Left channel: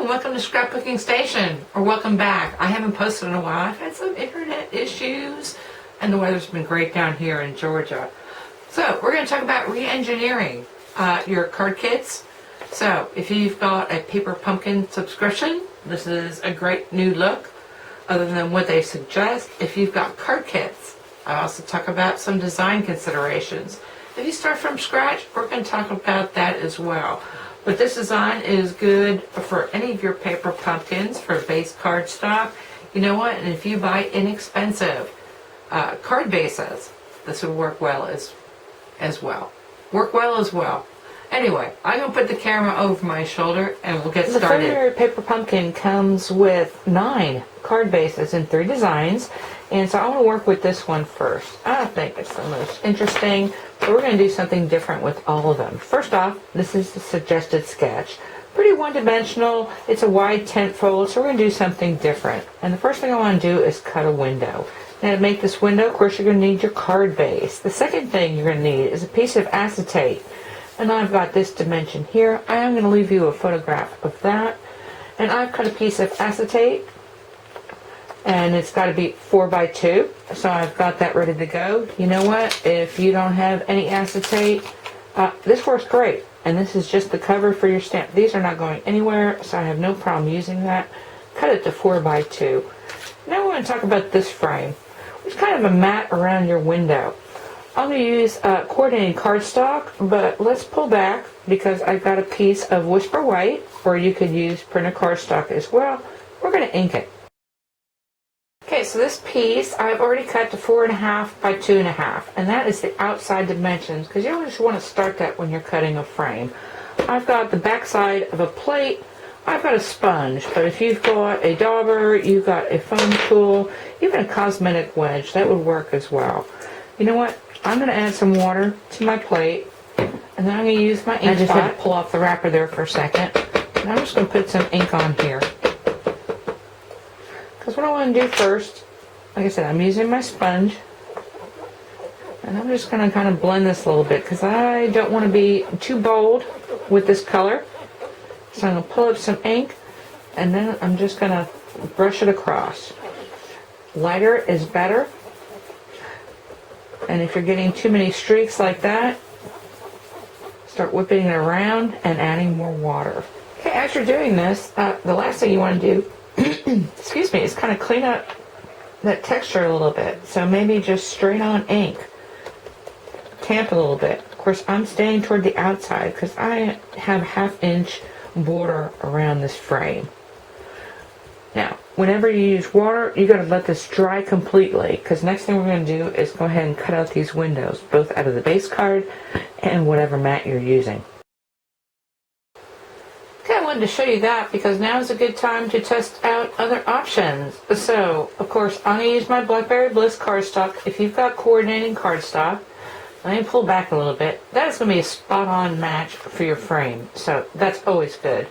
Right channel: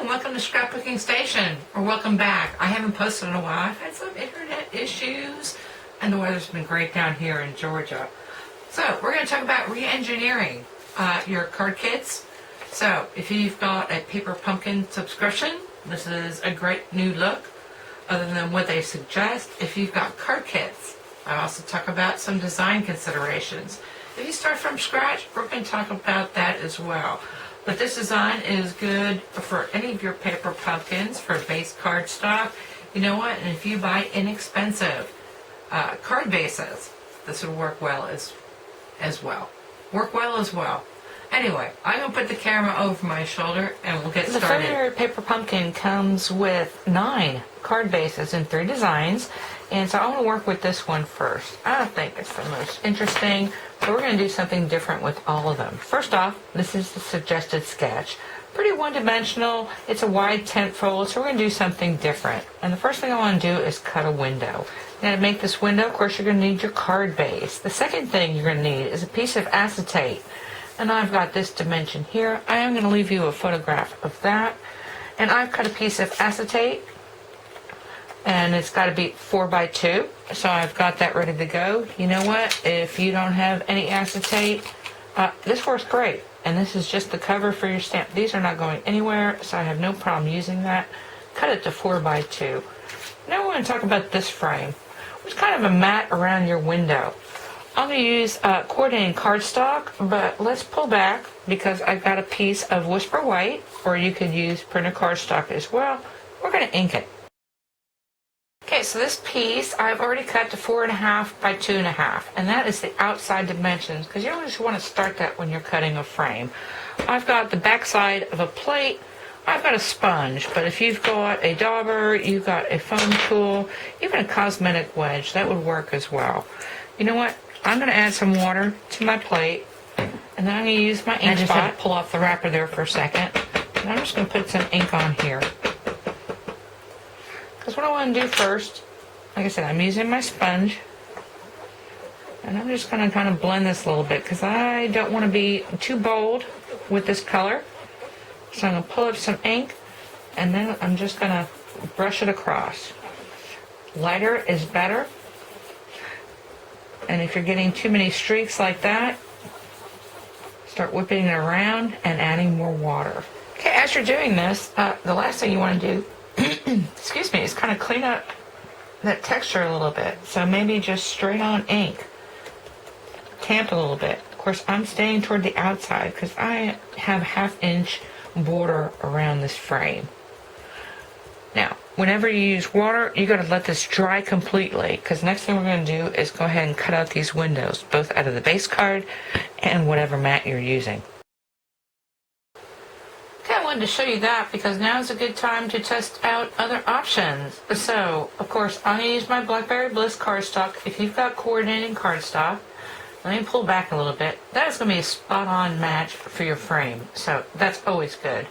and welcome to Scrapbooking Station, or welcome back. I haven't posted in a while. I've had some internet issues, and the weather's been great down here in Georgia. So we're going to talk about re-engineering your card kits. So if you've got a Paper Pumpkin subscription, this is a great new look, other than what they suggest. If you've got card kits, I also talk about some design considerations. If you start from scratch, we're going to talk about that as well. But this design is good for any of your Paper Pumpkins for base cardstock. You know what? And if you buy inexpensive card bases, this would work well as well. Anyway, I'm going to put the camera over my shoulder and we'll get started. The February Paper Pumpkin comes with 9 card bases in 3 designs. And so I want to work with this one first. I don't think it's the most interesting, but we're going to do something different with all of them. First off, this is the suggested sketch. Pretty one-dimensional. It's a wide tent fold, so we're going to do something different. And the first thing I want to do is cut a window. Now to make this window, of course, you're going to need your card base. The second thing you're going to need is a piece of acetate. And I've got this dimension here. I am going to leave you a photograph of that. And I've cut a piece of acetate. And it's got to be 4x2, so I've got that ready to go. You know what? If you don't have any acetate, this works great. And this is just the cover for your stamp. These are not going anywhere, so I have no problem using that. Cut it to 4x2. Now we're going to talk about this frame, which is kind of a mat around your window. I'm going to use coordinating cardstock, but let's pull back because I've got a piece of Whisper White, or you could use printed cardstock as well. We're going to ink it. Okay, so this piece I've already cut to 4.5 by 2.5, and that is the outside dimensions, because you always want to start that when you're cutting a frame. I've got the back side of a plate. I've got a sponge, but if you've got a dauber, you've got a foam tool, even a cosmetic wedge, that would work as well. You know what? I'm going to add some water to my plate, and then I'm going to use my ink spot. I just had to pull off the wrapper there for a second, and I'm just going to put some ink on here. Because what I want to do first, like I said, I'm using my sponge, and I'm just going to kind of blend this a little bit because I don't want to be too bold with this color. So I'm going to pull up some ink, and then I'm just going to brush it across. Lighter is better, and if you're getting too many streaks like that, start whipping it around and adding more water. Okay, as you're doing this, the last thing you want to do excuse me, is kind of clean up that texture a little bit. So maybe just straight on ink. Tamp a little bit. Of course, I'm staying toward the outside because I have 1/2 inch border around this frame. Now, whenever you use water, you got to let this dry completely, because next thing we're going to do is go ahead and cut out these windows, both out of the base card and whatever mat you're using. Okay, I wanted to show you that because now is a good time to test out other options. So, of course, I'm going to use my Blackberry Bliss cardstock. If you've got coordinating cardstock, let me pull back a little bit. That is going to be a spot-on match for your frame, so that's always good.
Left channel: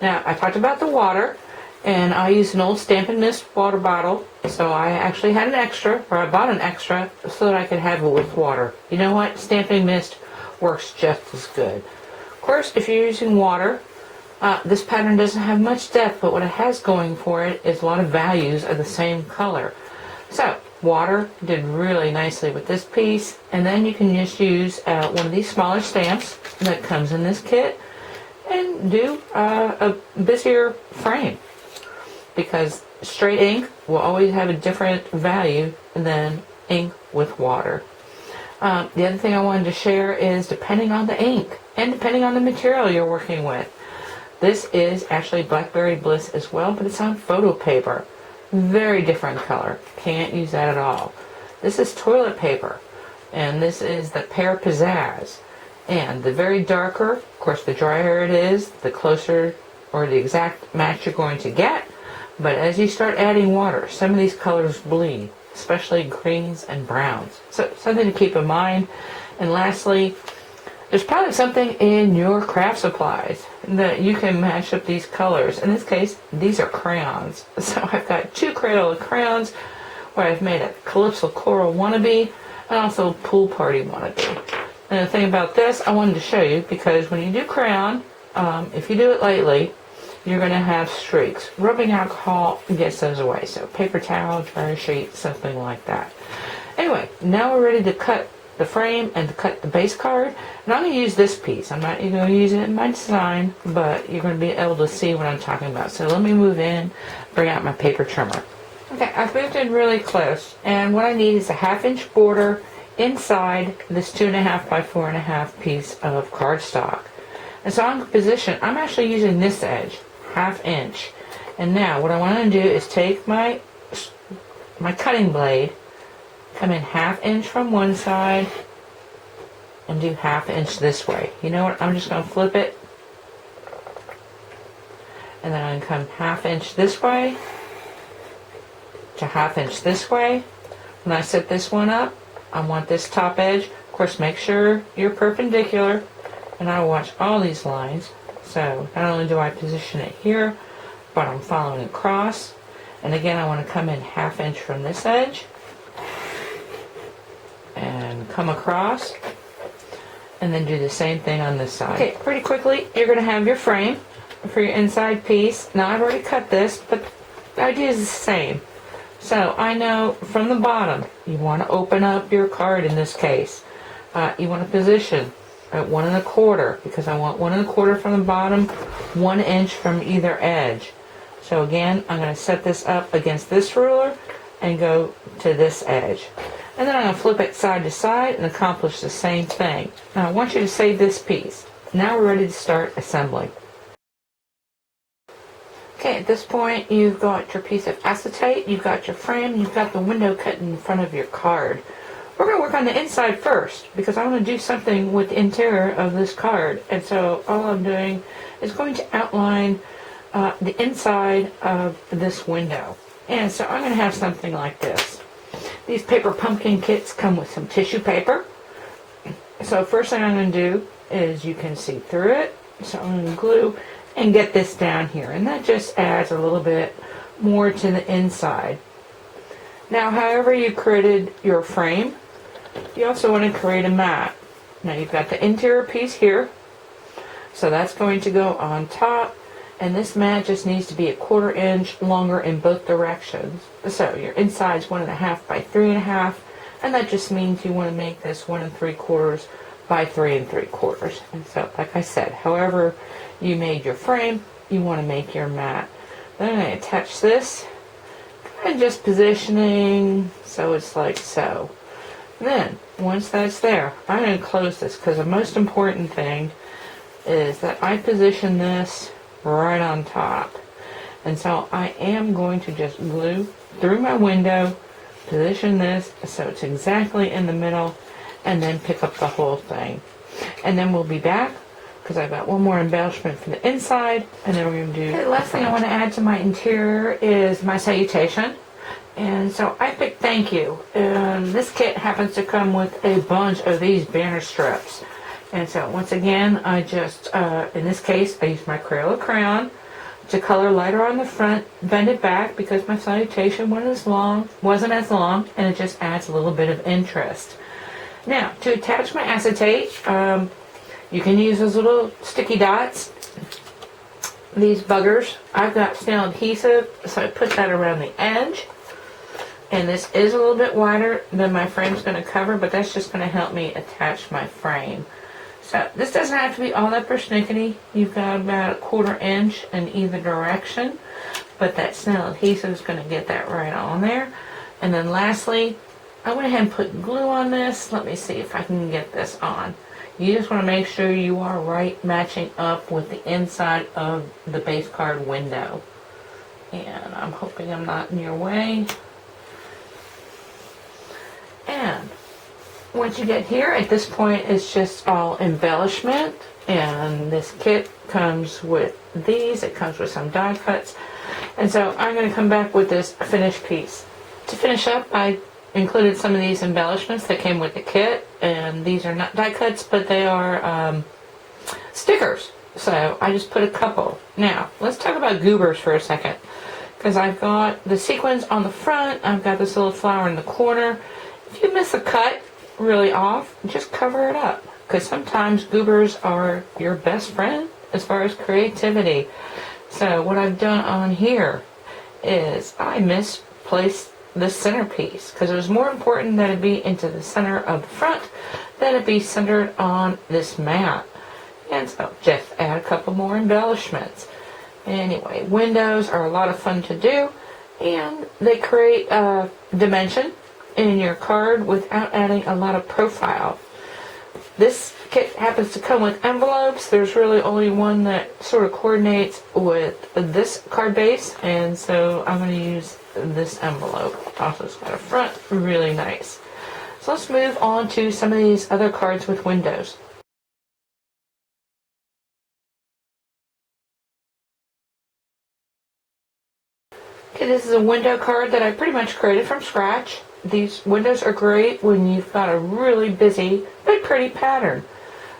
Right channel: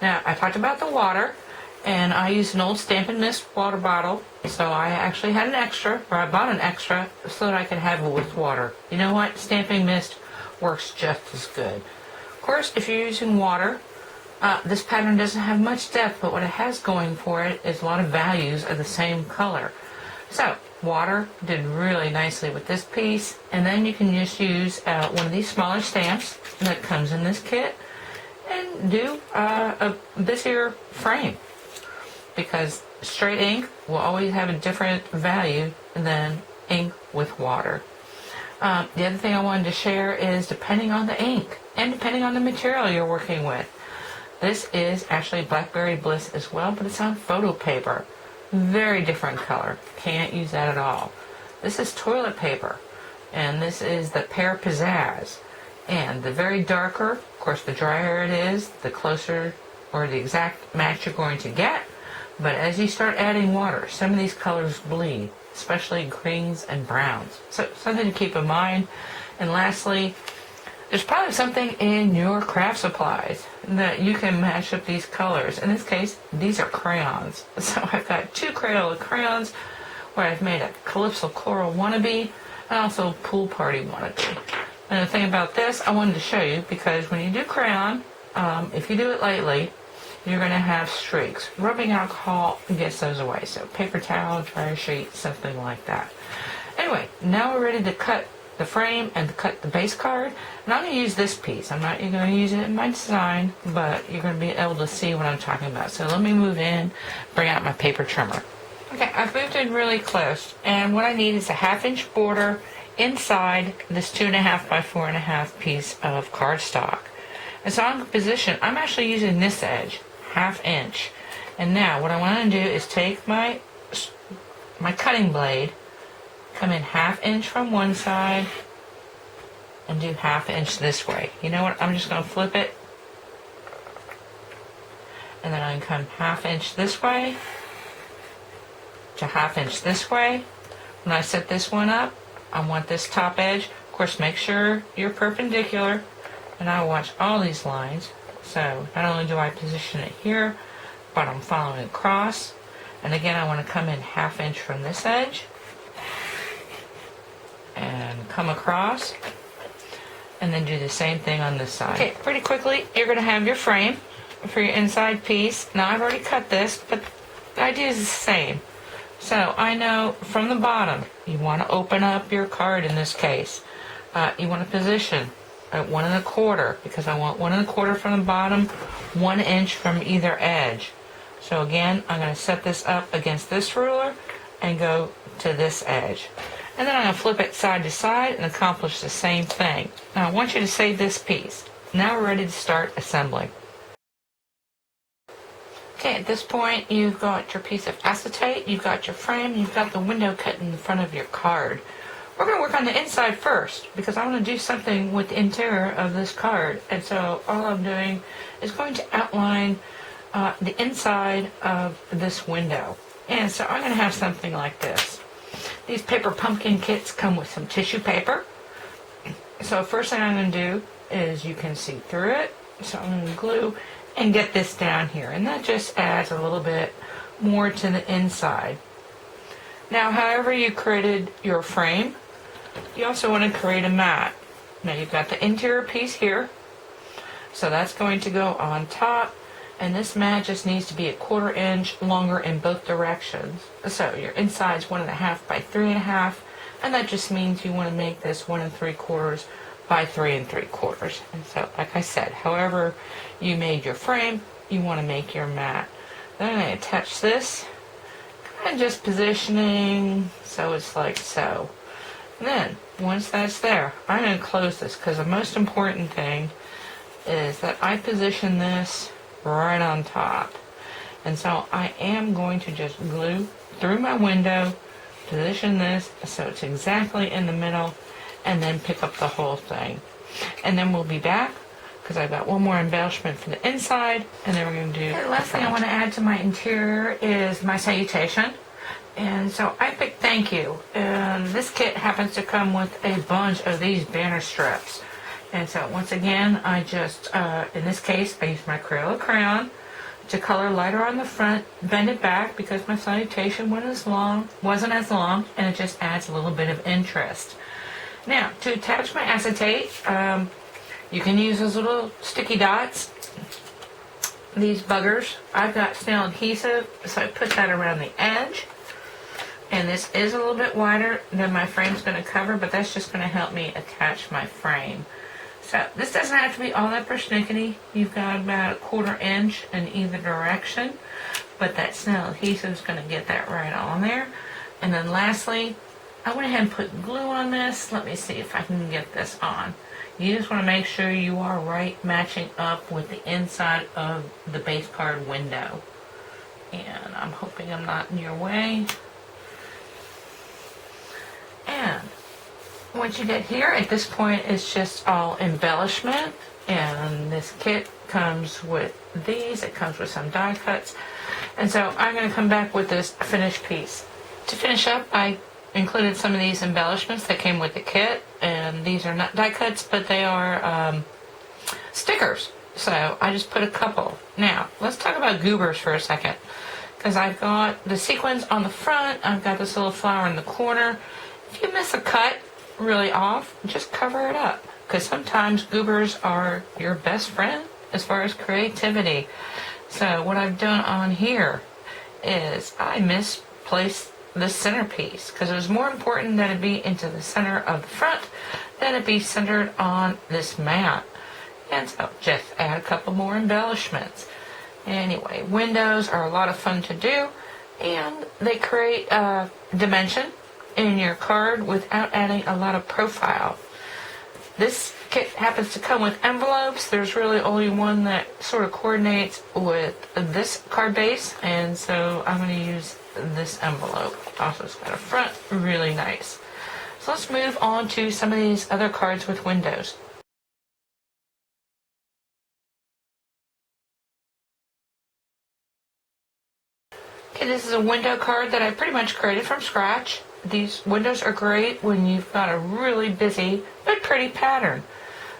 Now, I talked about the water, and I used an old Stampin' Mist water bottle, so I actually had an extra, or I bought an extra, so that I could have it with water. You know what? Stampin' Mist works just as good. Of course, if you're using water, this pattern doesn't have much depth, but what it has going for it is a lot of values of the same color. So, water did really nicely with this piece, and then you can just use one of these smaller stamps that comes in this kit and do a busier frame, because straight ink will always have a different value than ink with water. The other thing I wanted to share is depending on the ink and depending on the material you're working with. This is actually Blackberry Bliss as well, but it's on photo paper. Very different color. Can't use that at all. This is toilet paper, and this is the Pear Pizzazz. And the very darker, of course, the drier it is, the closer or the exact match you're going to get. But as you start adding water, some of these colors bleed, especially greens and browns. So something to keep in mind. And lastly, there's probably something in your craft supplies that you can match up these colors. In this case, these are crayons. So I've got 2 Crayola crayons where I've made a Calypso Coral wannabe and also Pool Party wannabe. And the thing about this, I wanted to show you, because when you do crayon, if you do it lightly, you're going to have streaks. Rubbing alcohol gets those away. So paper towel, dryer sheet, something like that. Anyway, now we're ready to cut the frame and to cut the base card. And I'm going to use this piece. I'm not going to use it in my design, but you're going to be able to see what I'm talking about. So let me move in, bring out my paper trimmer. Okay, I've moved in really close. And what I need is a 1/2 inch border inside this 2.5 by 4.5 piece of cardstock. And so I'm positioned, I'm actually using this edge, 1/2 inch. And now what I want to do is take my cutting blade, come in 1/2 inch from one side, and do 1/2 inch this way. You know what, I'm just going to flip it. And then I can come 1/2 inch this way, to 1/2 inch this way. When I set this one up, I want this top edge. Of course, make sure you're perpendicular. And I watch all these lines. So not only do I position it here, but I'm following across. And again, I want to come in 1/2 inch from this edge and come across, and then do the same thing on this side. Okay, pretty quickly, you're going to have your frame for your inside piece. Now I've already cut this, but the idea is the same. So I know from the bottom, you want to open up your card in this case. You want to position at 1 1/4, because I want 1 1/4 from the bottom, 1 inch from either edge. So again, I'm going to set this up against this ruler and go to this edge. And then I'm going to flip it side to side and accomplish the same thing. Now I want you to save this piece. Now we're ready to start assembling. Okay, at this point you've got your piece of acetate, you've got your frame, you've got the window cut in the front of your card. We're going to work on the inside first, because I want to do something with the interior of this card. And so all I'm doing is going to outline the inside of this window. And so I'm going to have something like this. These paper pumpkin kits come with some tissue paper. So first thing I'm going to do is, you can see through it. So I'm going to glue and get this down here. And that just adds a little bit more to the inside. Now, however you created your frame, you also want to create a mat. Now you've got the interior piece here, so that's going to go on top, and this mat just needs to be a 1/4 inch longer in both directions. So your inside's 1 1/2 by 3 1/2, and that just means you want to make this 1 3/4 by 3 3/4. And so, like I said, however you made your frame, you want to make your mat. Then I'm going to attach this, kind of just positioning so it's like so. Then, once that's there, I'm going to close this, because the most important thing is that I position this right on top. And so I am going to just glue through my window, position this so it's exactly in the middle, and then pick up the whole thing. And then we'll be back, because I've got one more embellishment for the inside, and then we're going to do... Okay, the last thing I want to add to my interior is my salutation. And so I picked thank you, and this kit happens to come with a bunch of these banner strips. And so once again, I just, in this case, I used my Crayola crayon to color lighter on the front, bend it back because my salutation wasn't as long, and it just adds a little bit of interest. Now, to attach my acetate, you can use those little sticky dots. These buggers, I've got snail adhesive, so I put that around the edge. And this is a little bit wider than my frame's going to cover, but that's just going to help me attach my frame. So this doesn't have to be all that persnickety. You've got about 1/4 inch in either direction, but that snail adhesive is going to get that right on there. And then lastly, I went ahead and put glue on this. Let me see if I can get this on. You just want to make sure you are right matching up with the inside of the base card window. And I'm hoping I'm not in your way. And once you get here, at this point, it's just all embellishment. And this kit comes with these. It comes with some die cuts. And so I'm going to come back with this finished piece. To finish up, I included some of these embellishments that came with the kit. And these are not die cuts, but they are stickers. So I just put a couple. Now, let's talk about goobers for a second. Because I've got the sequins on the front. I've got this little flower in the corner. If you miss a cut really off, just cover it up. Because sometimes goobers are your best friend as far as creativity. So what I've done on here is I misplaced the centerpiece because it was more important that it be into the center of the front than it be centered on this mat. And so just add a couple more embellishments. Anyway, windows are a lot of fun to do, and they create a dimension in your card without adding a lot of profile. This kit happens to come with envelopes. There's really only one that sort of coordinates with this card base, and so I'm going to use this envelope. Also, it's got a front, really nice. So let's move on to some of these other cards with windows. Okay, this is a window card that I pretty much created from scratch. These windows are great when you've got a really busy but pretty pattern.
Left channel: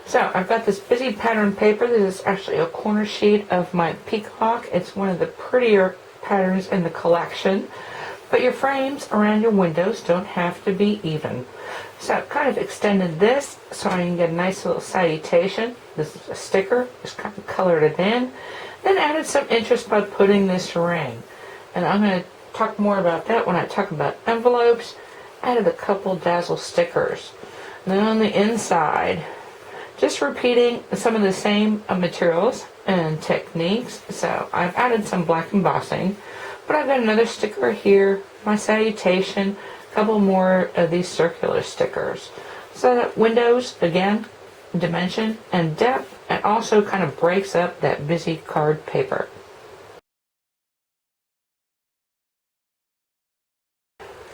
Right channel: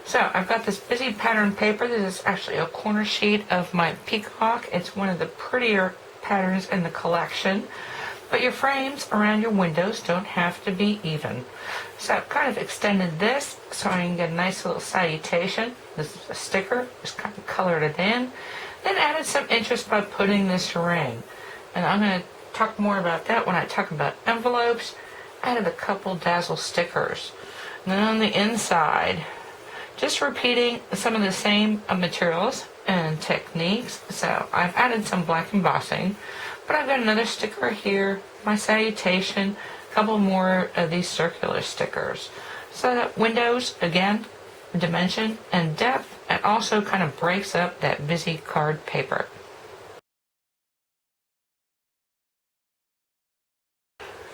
So I've got this busy pattern paper. This is actually a corner sheet of my peacock. It's one of the prettier patterns in the collection. But your frames around your windows don't have to be even. So I've kind of extended this so I can get a nice little salutation. This is a sticker, just kind of colored it in. Then added some interest by putting this ring. And I'm going to talk more about that when I talk about envelopes. Added a couple dazzle stickers. And then on the inside, just repeating some of the same materials and techniques. So I've added some black embossing, but I've got another sticker here, my salutation, a couple more of these circular stickers. So that windows, again, dimension and depth, and also kind of breaks up that busy card paper.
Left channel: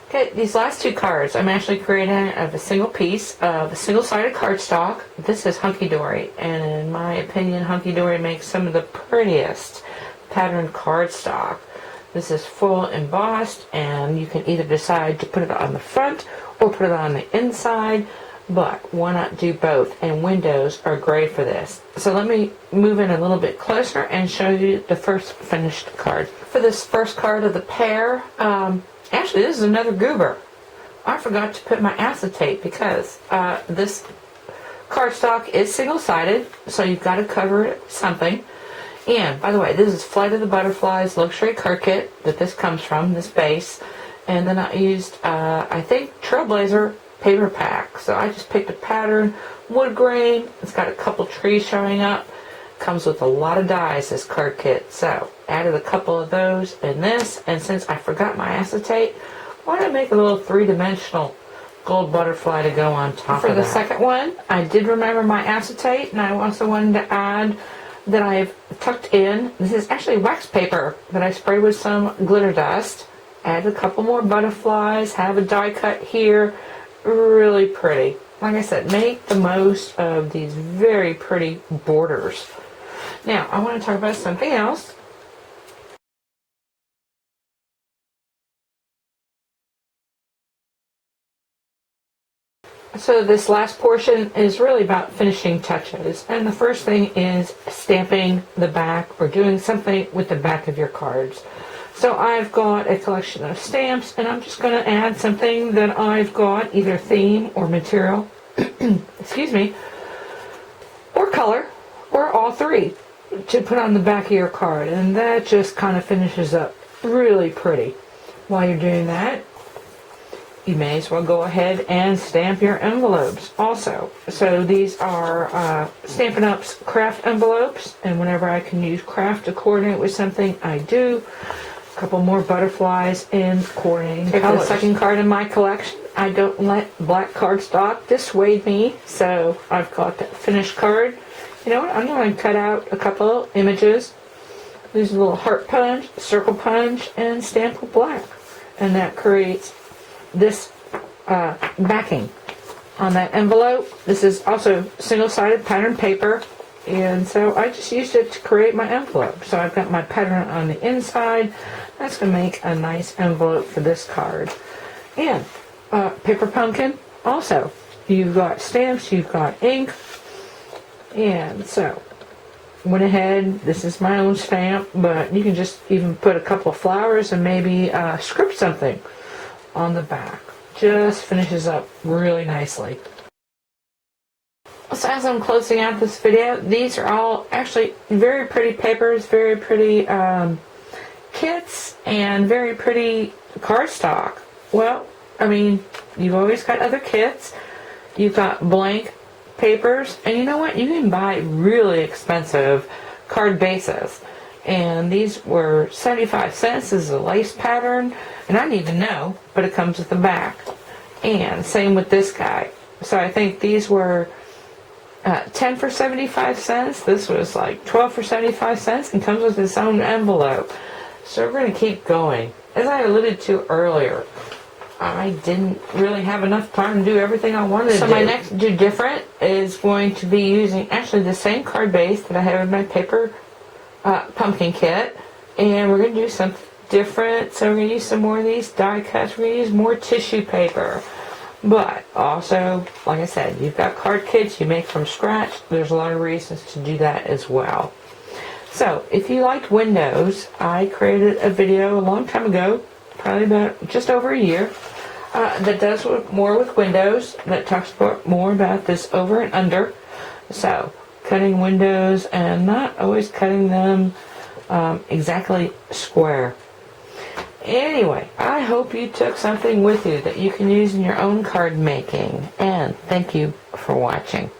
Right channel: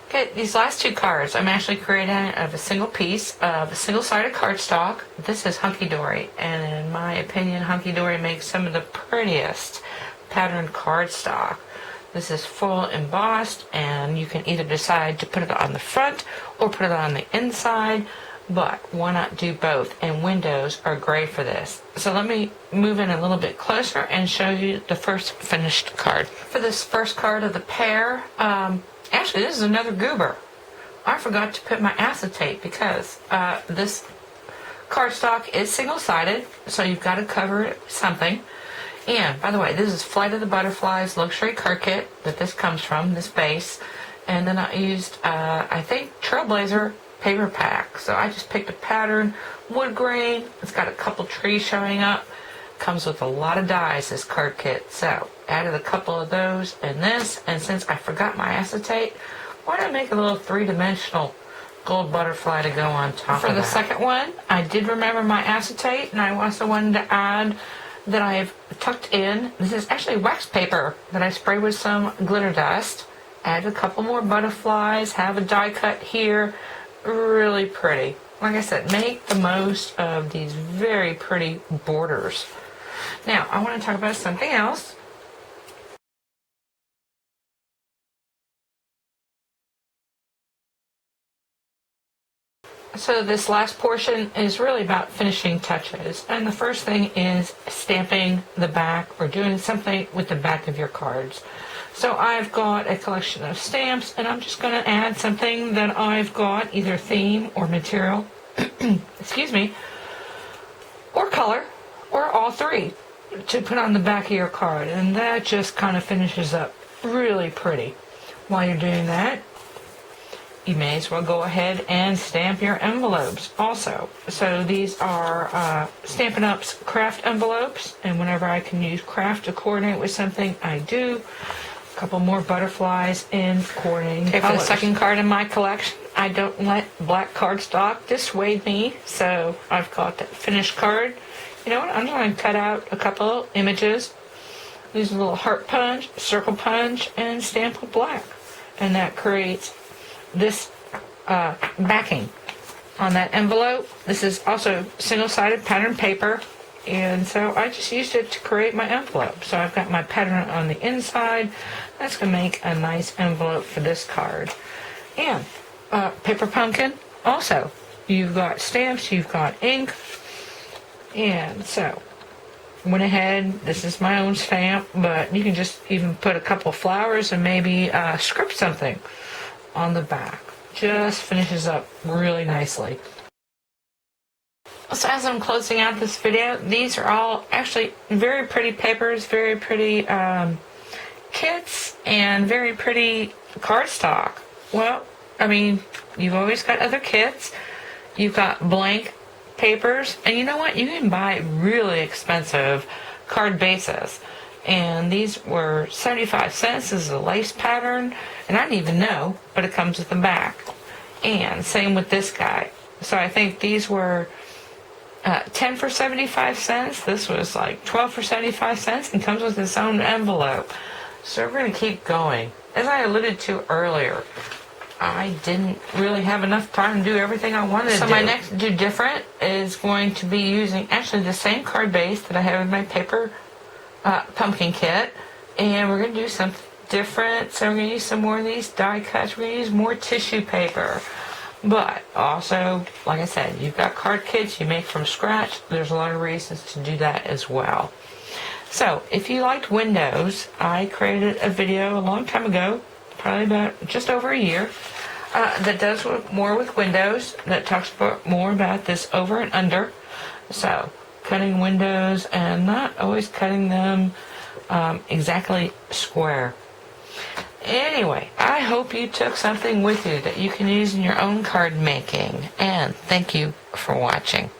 Okay, these last two cards I'm actually creating out of a single piece of a single-sided cardstock. This is Hunky Dory, and in my opinion, Hunky Dory makes some of the prettiest patterned cardstock. This is full embossed, and you can either decide to put it on the front or put it on the inside, but why not do both? And windows are great for this. So let me move in a little bit closer and show you the first finished card. For this first card of the pair, actually, this is another goober. I forgot to put my acetate because this cardstock is single-sided, so you've got to cover it with something. And, by the way, this is Flight of the Butterflies luxury card kit that this comes from, this base. And then I used, I think, Trailblazer paper pack. So I just picked a pattern, wood grain. It's got a couple trees showing up. Comes with a lot of dies, this card kit. So added a couple of those in this, and since I forgot my acetate, why not make a little three-dimensional gold butterfly to go on top of that? For the second one, I did remember my acetate, and I also wanted to add that I've tucked in. This is actually wax paper that I sprayed with some glitter dust. Add a couple more butterflies, have a die cut here. Really pretty. Like I said, make the most of these very pretty borders. Now, I want to talk about something else. So this last portion is really about finishing touches. And the first thing is stamping the back or doing something with the back of your cards. So I've got a collection of stamps, and I'm just going to add something that I've got, either theme or material, excuse me, or color, or all three, to put on the back of your card. And that just kind of finishes up really pretty. While you're doing that, you may as well go ahead and stamp your envelopes also. So these are Stampin' Up's craft envelopes, and whenever I can use craft to coordinate with something, I do. A couple more butterflies in coordinating colors. For the second card in my collection, I don't let black cardstock dissuade me, so I've got that finished card. You know what, I'm going to cut out a couple images, use a little heart punch, circle punch, and stamp with black. And that creates this backing on that envelope. This is also single-sided pattern paper, and so I just used it to create my envelope. So I've got my pattern on the inside. That's going to make a nice envelope for this card. And paper pumpkin also. You've got stamps, you've got ink, and so went ahead, this is my own stamp, but you can just even put a couple of flowers and maybe script something on the back. Just finishes up really nicely. So as I'm closing out this video, these are all actually very pretty papers, very pretty kits, and very pretty cardstock. Well, I mean, you've always got other kits. You've got blank papers, and you know what? You can buy really expensive card bases. And these were 75 cents. This is a lace pattern, and I didn't even know, but it comes with the back. And same with this guy. So I think these were 10 for 75 cents. This was like 12 for 75 cents and comes with its own envelope. So we're going to keep going. As I alluded to earlier, I didn't really have enough time to do everything I wanted to do. So my next Do Different is going to be using actually the same card base that I have in my paper pumpkin kit. And we're going to do something different. So we're going to use some more of these die cuts. We're going to use more tissue paper. But also, like I said, you've got card kits you make from scratch. There's a lot of reasons to do that as well. So if you liked Windows, I created a video a long time ago, probably about just over a year, that does more with Windows, that talks more about this over and under. So cutting windows and not always cutting them exactly square. Anyway, I hope you took something with you that you can use in your own card making. And thank you for watching.